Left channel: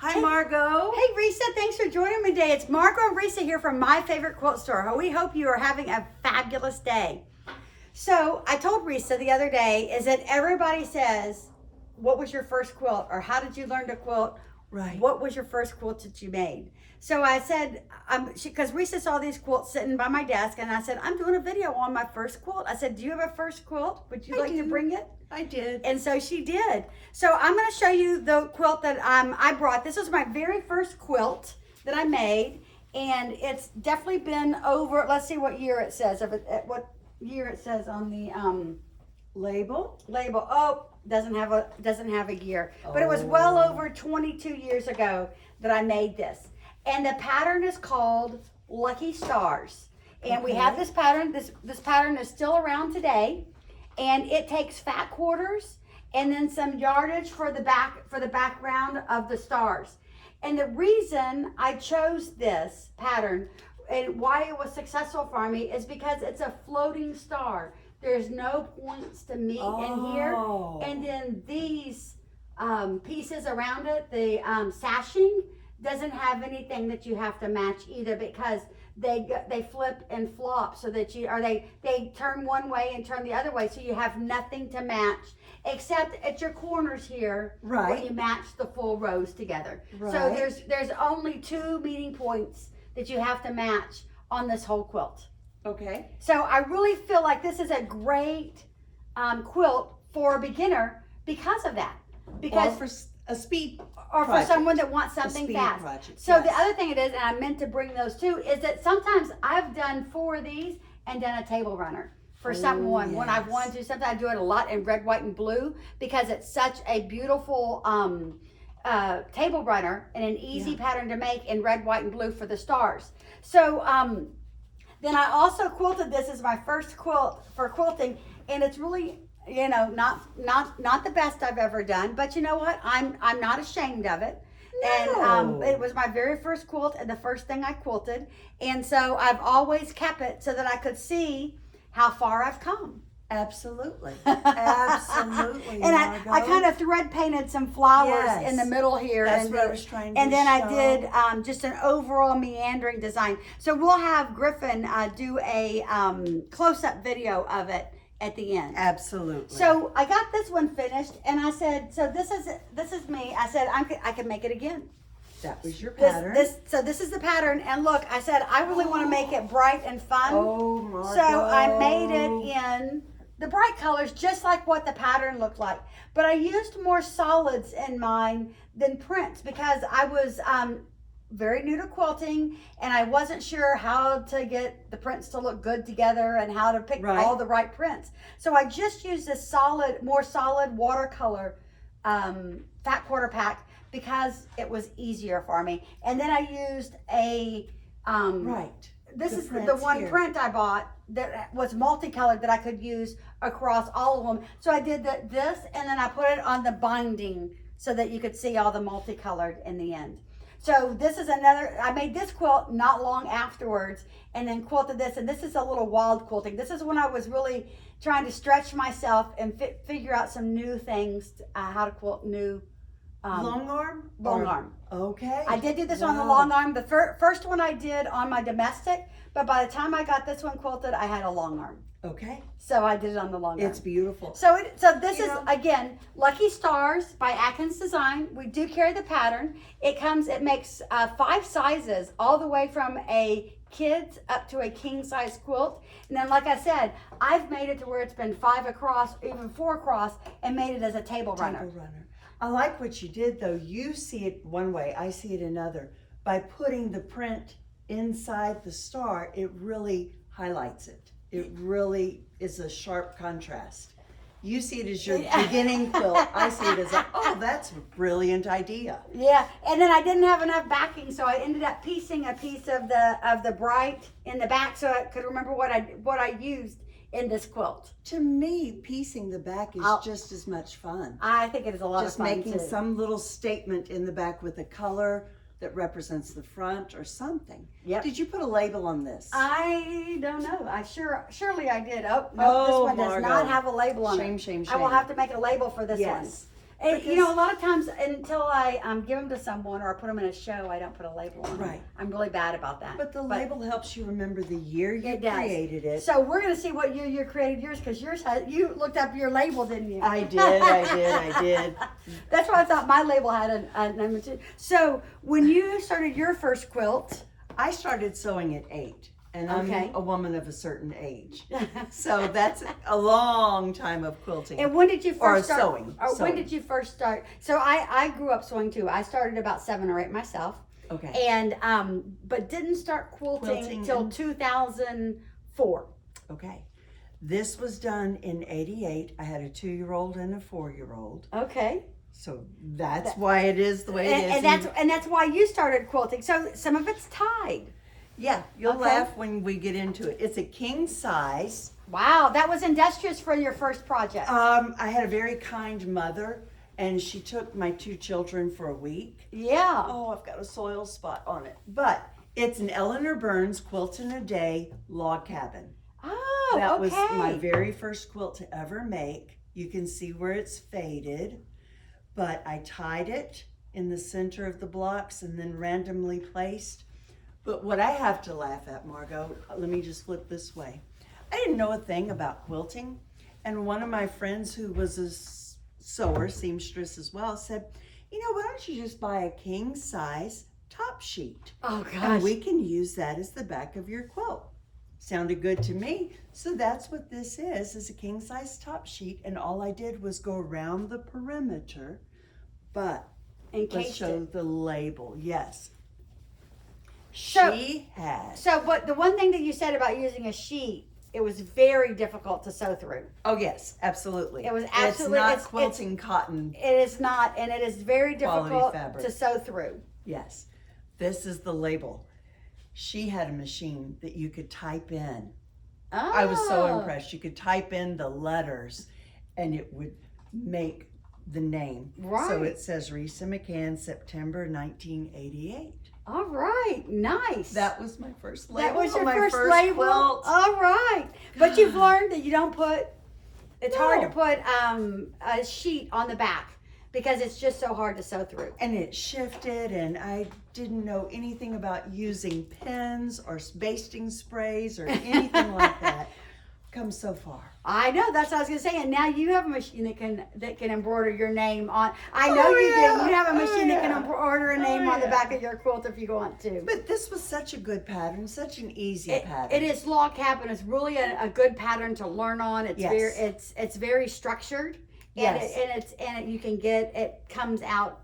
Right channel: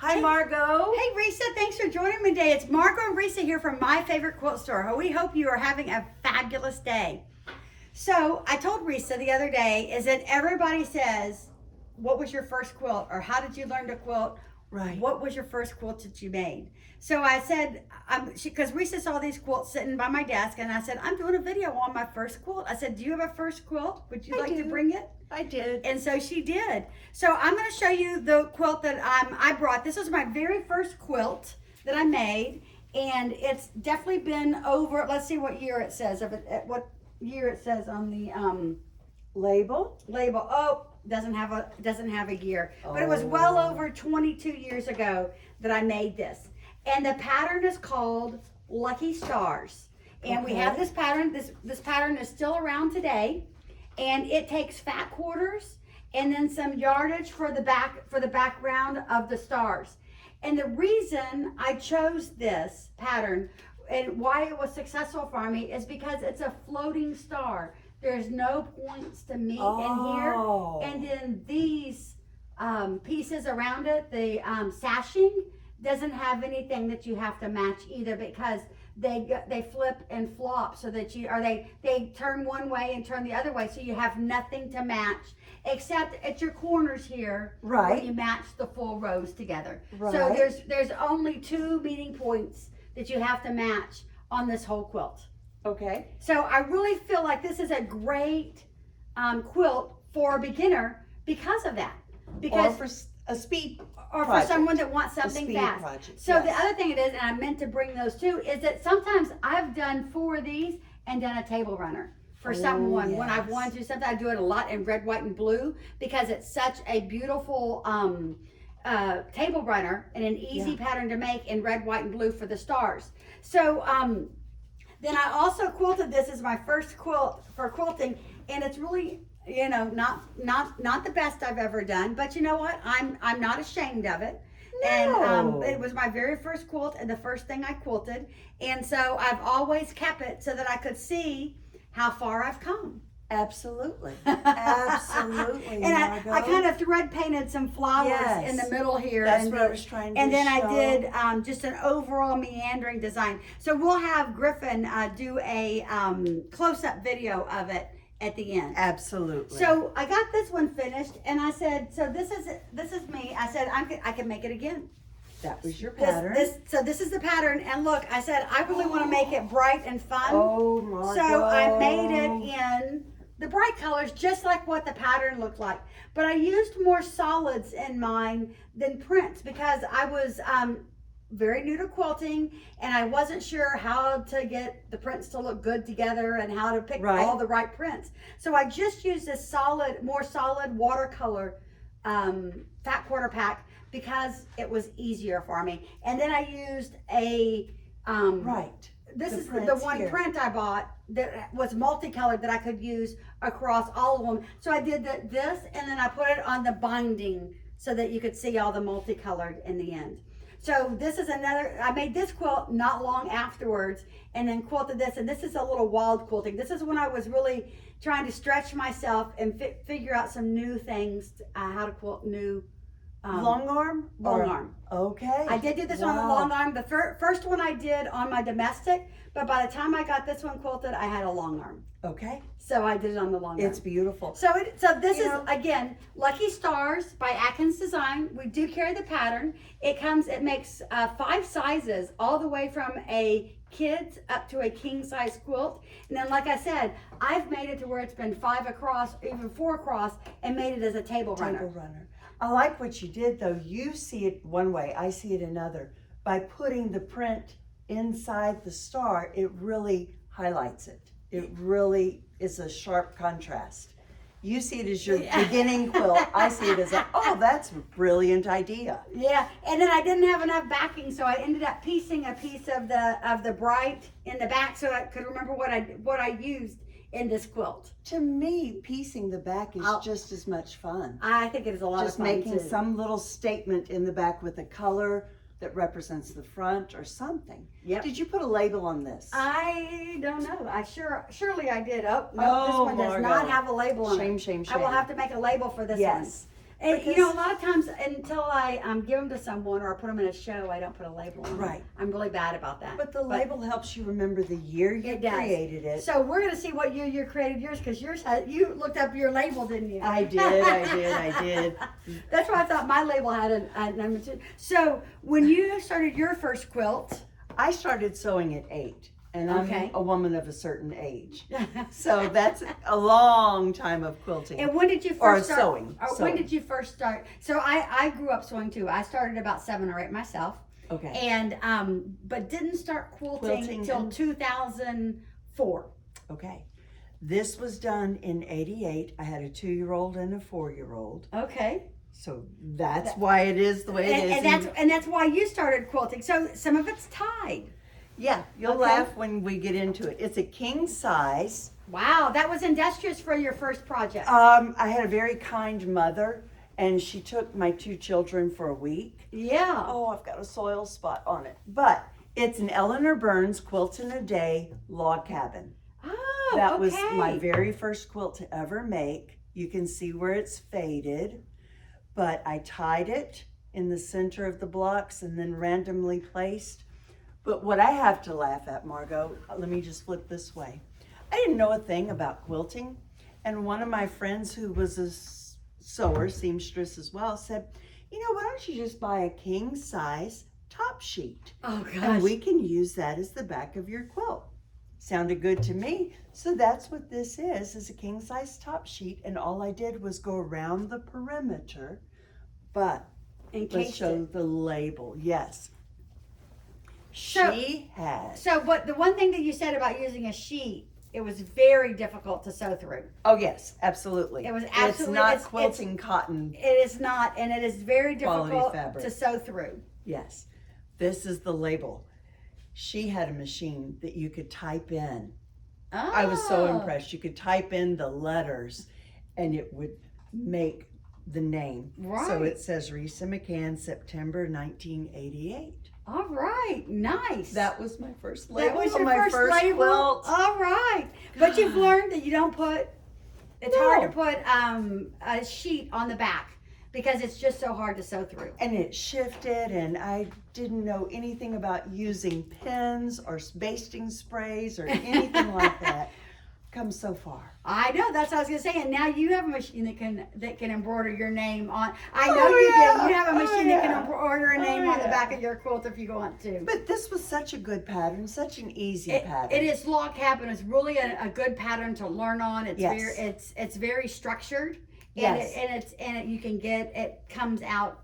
Hi, Margot. Hey, Risa, thanks for joining me today. It's Margot and Risa here from My Favorite Quilt Store. We hope you are having a fabulous day. So I told Risa the other day is that everybody says, what was your first quilt? Or how did you learn to quilt? Right. What was your first quilt that you made? So I said, because Risa saw these quilts sitting by my desk, and I said, I'm doing a video on my first quilt. I said, do you have a first quilt? Would you like to bring it? I did. And so she did. So I'm going to show you the quilt that I brought. This was my very first quilt that I made, and it's definitely been over. Let's see what year it says. What year it says on the Label? Oh, doesn't have a year, but it was well over 22 years ago that I made this. And the pattern is called Lucky Stars. And we have this pattern. This pattern is still around today. And it takes fat quarters and then some yardage for the background of the stars. And the reason I chose this pattern and why it was successful for me is because it's a floating star. There's no points to meet in here. And then these pieces around it, the sashing, doesn't have anything that you have to match either, because they flip and flop so that they turn one way and turn the other way, so you have nothing to match except at your corners here, right, where you match the full rows together. Right. So there's only 2 meeting points that you have to match on this whole quilt. Okay. So I really feel like this is a great quilt for a beginner because of that. Because or for a speed or project. For someone that wants something fast. Project, so yes. The other thing it is, and I meant to bring those too, is that sometimes I've done 4 of these and done a table runner for someone. Yes. When I've wanted to, sometimes I do it a lot in red, white, and blue, because it's such a beautiful table runner and an easy pattern to make in red, white, and blue for the stars. So then I also quilted this as my first quilt for quilting, and it's really, you know, not the best I've ever done, but you know what? I'm not ashamed of it. No. And it was my very first quilt and the first thing I quilted, and so I've always kept it so that I could see how far I've come. Absolutely. Absolutely. And Margot. I kind of thread painted some flowers in the middle here. That's what I was trying to And then show. I did just an overall meandering design. So we'll have Griffin do a close-up video of it at the end. Absolutely. So I got this one finished, and I said, so this is me. I said I can make it again. That was your pattern. So this is the pattern, and look, I said I really want to make it bright and fun. Oh, Margot. So I made it in the bright colors, just like what the pattern looked like. But I used more solids in mine than prints, because I was very new to quilting, and I wasn't sure how to get the prints to look good together and how to pick all the right prints. So I just used this more solid watercolor fat quarter pack, because it was easier for me. And then I used a this is the one print I bought that was multicolored that I could use across all of them. So I did this, and then I put it on the binding so that you could see all the multicolored in the end. So this is I made this quilt not long afterwards, and then quilted this, and this is a little wild quilting. This is when I was really trying to stretch myself and figure out some new things, how to quilt new. Long arm? Long arm. Okay. I did do this on the long arm. The first one I did on my domestic, but by the time I got this one quilted, I had a long arm. Okay. So I did it on the long arm. It's beautiful. So this is, again, Lucky Stars by Atkins Design. We do carry the pattern. It makes 5 sizes, all the way from a kid's up to a king size quilt. And then, like I said, I've made it to where it's been 5 across, even 4 across, and made it as a table runner. I like what you did, though. You see it one way, I see it another. By putting the print inside the star, it really highlights it. It really is a sharp contrast. You see it as your beginning quilt. I see it as that's a brilliant idea. Yeah, and then I didn't have enough backing, so I ended up piecing a piece of the bright in the back so I could remember what I used in this quilt. To me, piecing the back is just as much fun. I think it is a lot of fun. Just making some little statement in the back with a color that represents the front or something. Yep. Did you put a label on this? I don't know. Surely I did. Oh, no, this one does not have a label on it. Shame. I will have to make a label for this one. And, you know, a lot of times until I give them to someone or I put them in a show, I don't put a label on them. Right. I'm really bad about that. But the label helps you remember the year you It does. created it. So we're going to see what year you created yours, because yours you looked up your label, didn't you? I did. That's why I thought my label had a name too. So when you started your first quilt, I started sewing at 8, and I'm Okay. a woman of a certain age. So that's a long time of quilting. and when did you Or first start? sewing, Or sewing. when did you first start? So I grew up sewing too. I started about 7 or 8 myself, Okay. and but didn't start quilting Quilting until in- 2004. Okay. This was done in 88. I had a 2-year-old and a 4-year-old. Okay. So that's why it is the way it is. And that's why you started quilting. So some of it's tied. Yeah, you'll Okay. laugh when we get into it. It's a king size. Wow, that was industrious for your first project. I had a very kind mother, and she took my 2 children for a week. Yeah. Oh, I've got a soil spot on it. But it's an Eleanor Burns Quilt in a Day log cabin. Oh, That was okay. my very first quilt to ever make. You can see where it's faded, but I tied it in the center of the blocks and then randomly placed. But what I have to laugh at, Margot, let me just flip this way. I didn't know a thing about quilting, and one of my friends who was a sewer, seamstress as well, said, you know, why don't you just buy a king size top sheet? Oh gosh. And we can use that as the back of your quilt. Sounded good to me. So that's what this is a king size top sheet. And all I did was go around the perimeter, but let's Encased show it. the label. Yes. So- She has. So, but the one thing that you said about using a sheet, it was very difficult to sew through. Oh yes, absolutely. It was It's absolutely- not it's- quilting cotton. It is not, and it is very Quality difficult fabric. to sew through. Yes. This is the label. She had a machine that you could type in. Oh. I was so impressed. You could type in the letters and it would make the name. Right. So it says Risa McCann, September 1988. All right, nice. That was my first That label was on your my first label? quilt. All right, but you've learned that you don't put. It's hard to No. put a sheet on the back because it's just so hard to sew through. And it shifted, and I didn't know anything about using pins or basting sprays or anything like that. Come so far. I know, that's what I was gonna say. And now you have a machine that can embroider your name on. I know Oh, you yeah. do. You have a machine that can yeah. embroider a Oh, name on the yeah. back of your quilt if you want to. But this was such a good pattern, such an easy It pattern. is log cabin. It's really a good pattern to learn on. It's Yes. very it's very structured. Yes. And you can get it comes out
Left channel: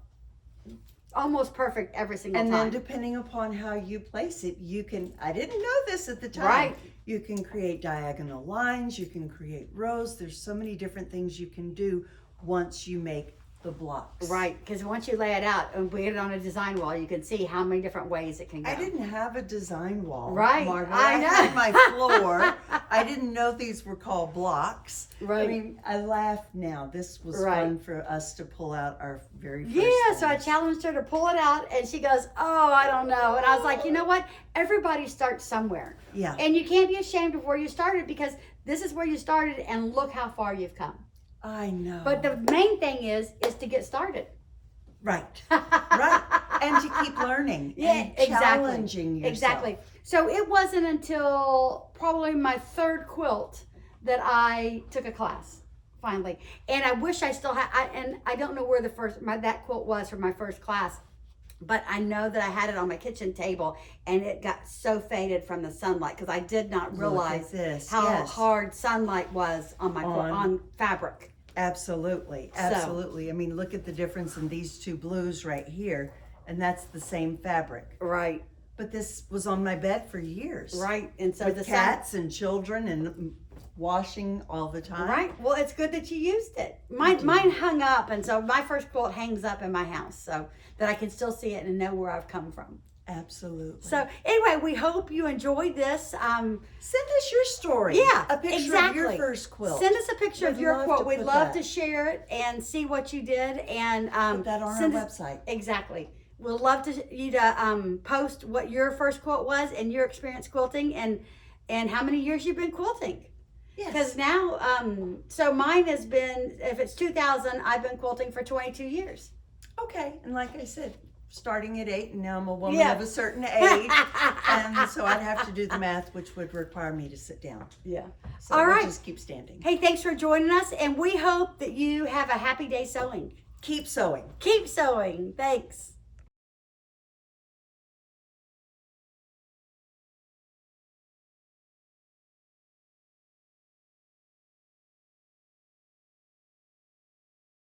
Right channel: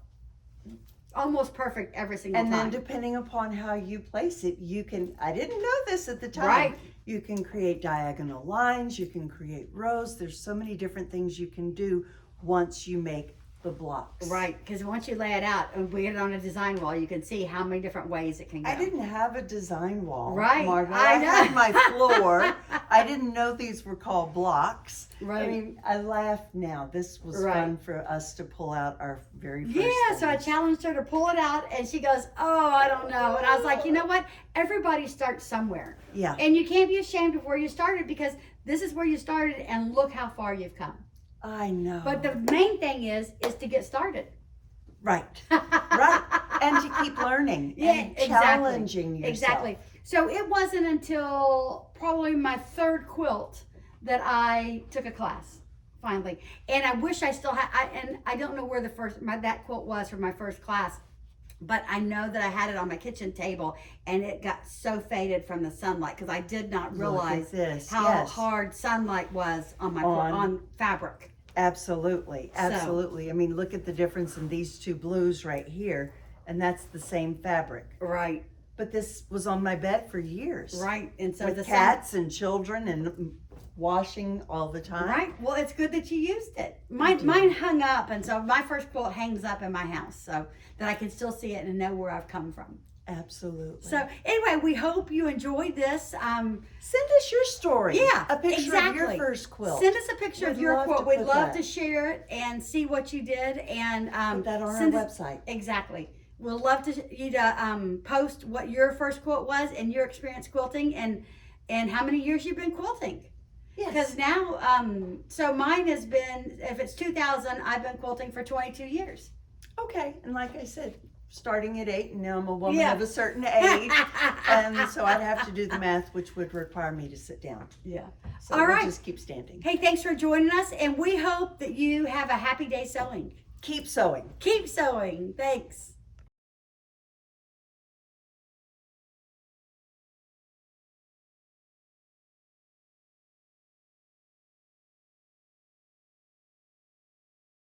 almost perfect every single And time. then depending upon how you place it, you can, I didn't know this at the time. Right. You can create diagonal lines, you can create rows. There's so many different things you can do once you make the blocks. Right, because once you lay it out and we get it on a design wall, you can see how many different ways it can go. I didn't have a design wall, Right, Margaret. I know. had my floor. I didn't know these were called blocks. Right. I mean, I laugh now. This was Right. fun for us to pull out our very first Yeah, so I things. challenged her to pull it out, and she goes, "Oh, I don't know." And I was like, "You know what? Everybody starts somewhere, Yeah. and you can't be ashamed of where you started because this is where you started, and look how far you've come." I know. But the main thing is to get started. Right. Right. And to keep learning Yeah, and exactly. challenging yourself. Exactly. So it wasn't until probably my third quilt that I took a class finally. And I wish I still had. And I don't know where that quilt was for my first class, but I know that I had it on my kitchen table, and it got so faded from the sunlight because I did not realize Look at this. how Yes. hard sunlight was on my on fabric. Absolutely. Absolutely. I mean, look at the difference in these two blues right here, and that's the same fabric. Right. But this was on my bed for years. Right. And so With the cats and children and washing all the time. Right. Well, it's good that you used it. I do. Mine hung up, and so my first quilt hangs up in my house, so that I can still see it and know where I've come from. Absolutely. So anyway, we hope you enjoyed this. send us your story. Yeah, A picture of your exactly. first quilt. Send us a picture of We'd your love quilt. to We'd put love that. to share it and see what you did, and Put that on our send us- website. Exactly. We'd love you to post what your first quilt was and your experience quilting, and how many years you've been quilting. Yes. Because now, so mine has been, if it's 2000, I've been quilting for 22 years. Okay, and like I said, starting at 8, and now I'm a woman Yeah. of a certain age, and so I'd have to do the math, which would require me to sit down. Yeah. So All we'll right. just keep standing. Hey, thanks for joining us, and we hope that you have a happy day sewing. Keep sewing. Keep sewing. Thanks.